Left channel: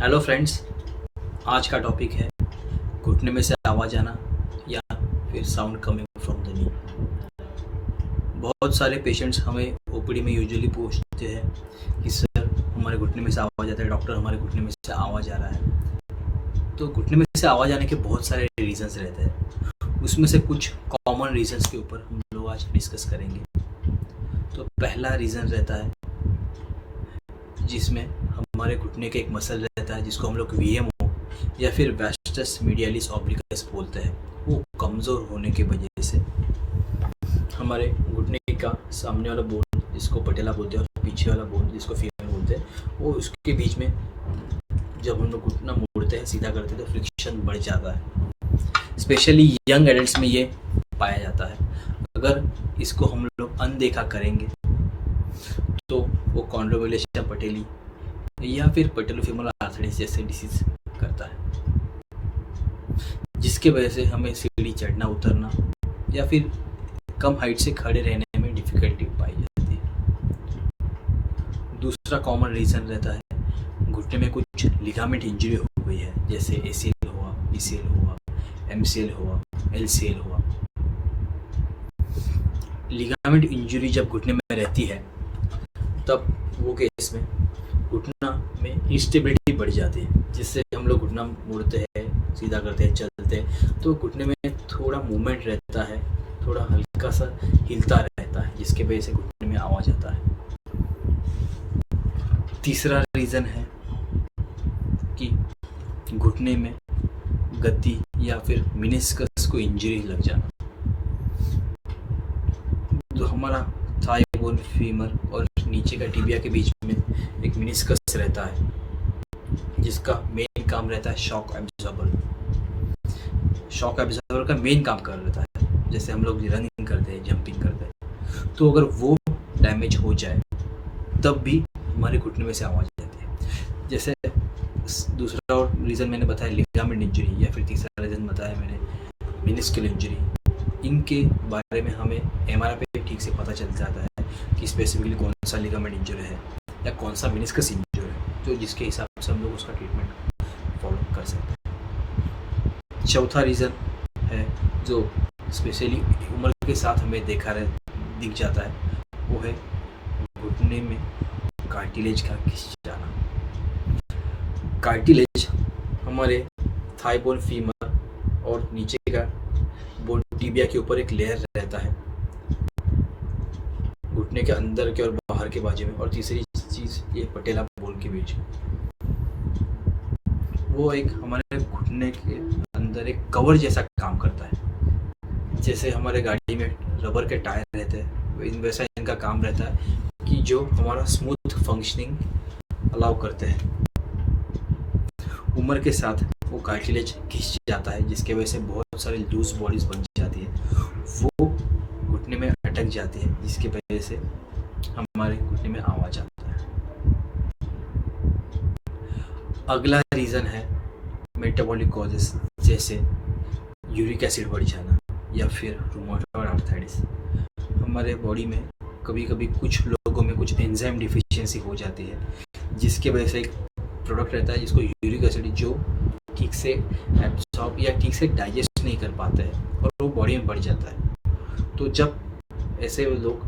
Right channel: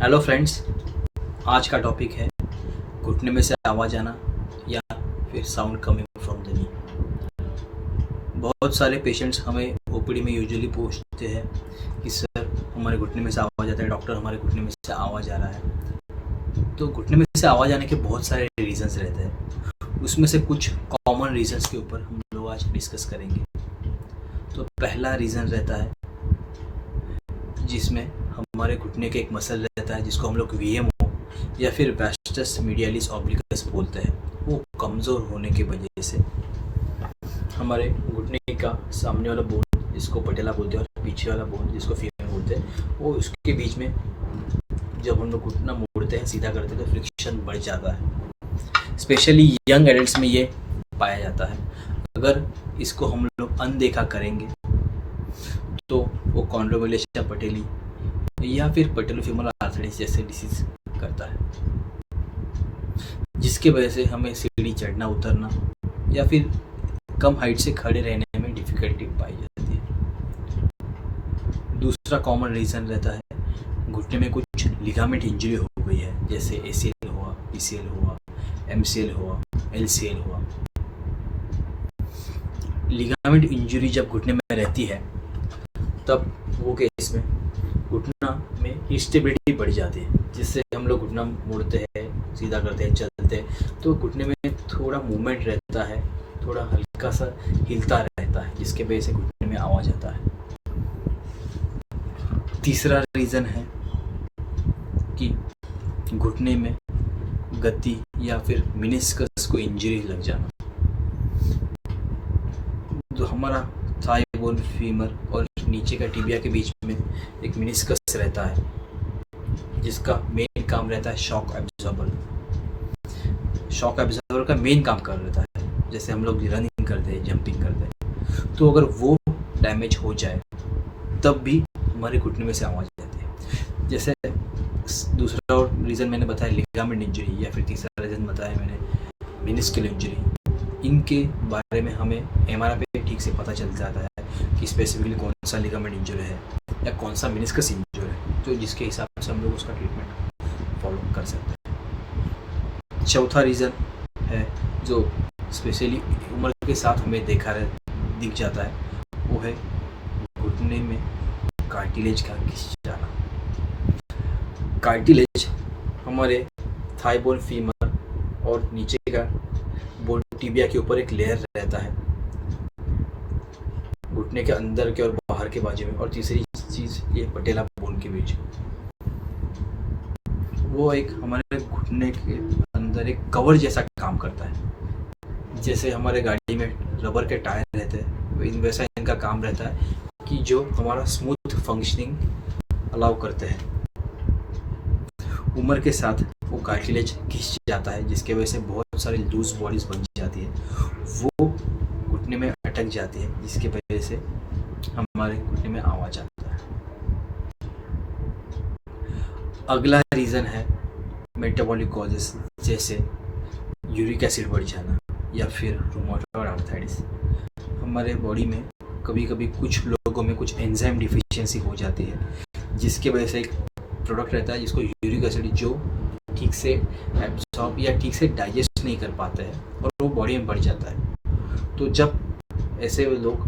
Hello friends, आज का topic है घुटने में से आवाज़ आना या फिर sound coming from the knee. बहुत सारे पेशेंट्स हमें ओपीडी में यूजुअली पूछते हैं कि सर हमारे घुटने में से आवाज़ आता है, डॉक्टर हमारे घुटने में से आवाज़ आ रहा है। तो घुटने में से आवाज़ आने के बहुत सारे रीज़न्स रहते हैं, उसमें से कुछ कॉमन रीज़न्स के ऊपर हम लोग आज डिस्कस करेंगे। तो पहला रीज़न रहता है जिसमें हमारे घुटने के एक मसल रहता है जिसको हम लोग वीएमओ या फिर वास्टस मीडियालिस ऑब्लिकस बोलते हैं। वो कमज़ोर होने की वजह से हमारे घुटने का सामने वाला बोन जिसको पटेला बोलते हैं और पीछे वाला बोन जिसको फीमर बोलते हैं, वो उसके बीच में जब हम लोग घुटना मोड़ते हैं, सीधा करते हैं, तो फ्रिक्शन बढ़ जाता है। स्पेशली यंग एडल्ट्स में ये पाया जाता है। अगर इसको हम लोग अनदेखा करेंगे तो वो कॉन्ड्रोमेलेशिया पटेली या फिर पटेलोफेमोरल आर्थराइटिस जैसे डिसीज करता है, जिसके वजह से हमें सीढ़ी चढ़ना उतरना या फिर कम हाइट से खड़े रहने में डिफ़िकल्टी पाई जाती है। दूसरा कॉमन रीज़न रहता है घुटने में कुछ लिगामेंट इंजरी हो गई है, जैसे एसीएल हुआ, पीसीएल हुआ, एमसीएल हुआ, एलसीएल हुआ। लिगामेंट इंजरी जब घुटने में रहती है तब वो केस में घुटना में इंस्टेबिलिटी बढ़ जाती है, जिससे हम लोग घुटना मोड़ते हैं, सीधा करते हैं, चलते हैं, तो घुटने में थोड़ा मूवमेंट रहता है, थोड़ा हल्का सा हिलता रहता है, जिसके वजह से घुटने में आवाज़ आता है। तीसरा रीज़न है कि घुटने में गद्दी या फिर मेनिस्कस को इंजरी लग जाना। तो हमारा थाई बोन, फीमर और नीचे का टिबिया के बीच में एक मेनिस्कस रहता है जिसका मेन काम रहता है शॉक एब्जॉर्बर। शॉक एब्जॉर्बर का मेन काम कर रहता है, जैसे हम लोग रनिंग करते हैं, जंपिंग करते हैं, तो अगर वो डैमेज हो जाए तब भी हमारे घुटने में से आवाज़ आती है। जैसे दूसरा और रीज़न मैंने बताया लिगामेंट इंजरी, या फिर तीसरा रीज़न बताया मैंने मेनिस्कल इंजरी। इनके बारे में हमें एमआरआई पे ठीक से पता चल जाता है कि स्पेसिफिकली कौन सा लिगामेंट इंजर है या कौन सा मेनिस्कस इंजर है, तो जिसके हिसाब से हम लोग उसका ट्रीटमेंट फॉलो कर सकते हैं। चौथा रीज़न है जो स्पेशली उम्र के साथ हमें दिख जाता है, वो है घुटने में कार्टिलेज का खिंच जाना। कार्टिलेज हमारे थाई बोन, फीमर और नीचे का बोन टिबिया के ऊपर एक लेयर रहता है घुटने के अंदर के और बाहर के बाजू में, और तीसरी चीज़ ये पटेला बोन के बीच। वो एक हमारे घुटने के अंदर एक कवर जैसा काम करता है। जैसे हमारे गाड़ी में रबर के टायर रहते हैं, वैसा इनका काम रहता है कि जो हमारा स्मूथ फंक्शनिंग अलाउ करते हैं। उम्र के साथ वो कार्टिलेज खिंच जाता है, जिसके वजह से बहुत सारी लूज बॉडीज बन जाती है, वो घुटने में अटक जाती है, जिसकी वजह से हमारे घुटने में आवाज़ आता है। अगला रीज़न है मेटाबॉलिक कॉजेस, जैसे यूरिक एसिड बढ़ जाना या फिर रूमेटॉइड आर्थराइटिस। हमारे बॉडी में कभी कभी कुछ लोगों में कुछ एंजाइम डिफिशियंसी हो जाती है, जिसके वजह से एक प्रोडक्ट रहता है जिसको यूरिक एसिड, जो ठीक से एब्जॉर्ब या ठीक से डाइजेस्ट नहीं कर पाते हैं और वो बॉडी में बढ़ जाता है। तो जब ऐसे लोग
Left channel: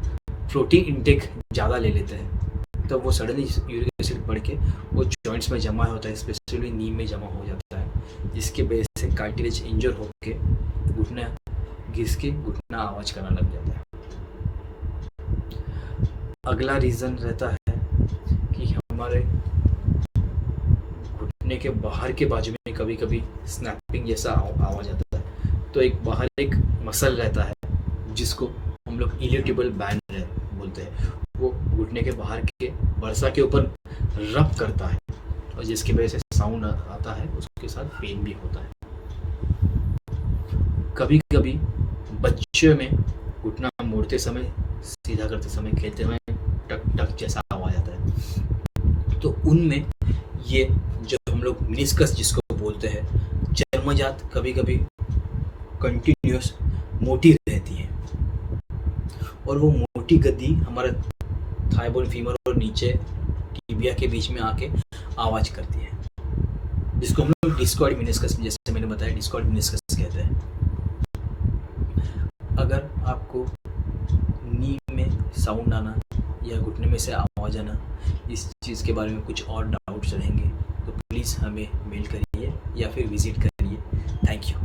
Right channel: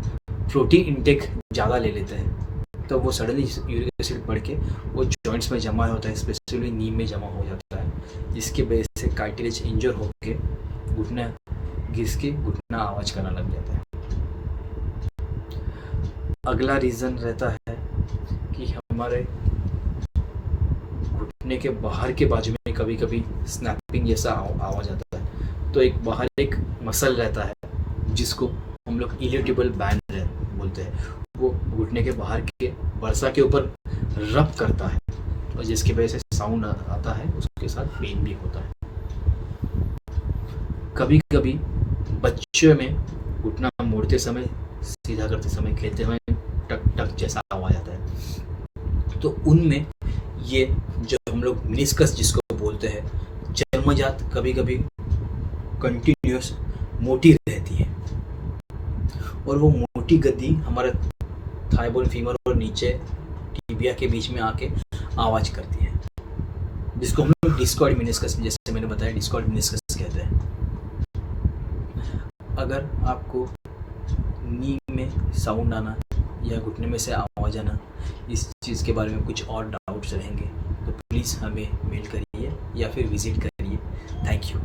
प्रोटीन इंटेक ज़्यादा ले लेते हैं तो वो सडनली यूरिक एसिड बढ़ के वो जॉइंट्स में जमा होता है, स्पेशली नी में जमा हो जाता है, जिसके वजह से कार्टिलेज इंजर होकर घुटना घिस के घुटना आवाज़ करना लग जाता है। अगला रीज़न रहता है कि हमारे घुटने के बाहर के बाजू में कभी कभी स्नैपिंग जैसा आवाज़ आता है। तो एक बाहर एक मसल रहता है जिसको हम लोग इलियोटिबल बैंड बोलते हैं, वो घुटने के बाहर के वर्सा के ऊपर रब करता है, और जिसकी वजह से साउंड आता है, उसके साथ पेन भी होता है। कभी कभी बच्चों में घुटना मोड़ते समय, सीधा करते समय, खेलते समय टक टक जैसा आवाज़ आता है। तो उनमें ये जो हम लोग मेनिस्कस जिसको बोलते हैं, जन्मजात कभी कभी कंटिन्यूस मोटी रहती है, और वो मोटी गद्दी हमारे थाई बोन, फीमर और नीचे टिबिया के बीच में आके आवाज़ करती है। जिसको हम लोग डिस्कॉर्ड मिनिस्कस, जैसे मैंने बताया डिस्कॉर्ड मिनिस्कस कहते हैं। अगर आपको नी में साउंड आना या घुटने में से आवाज़ आना, इस चीज़ के बारे में कुछ और डाउट्स रहेंगे तो प्लीज़ हमें मेल करिए या फिर विज़िट करिए। Thank you.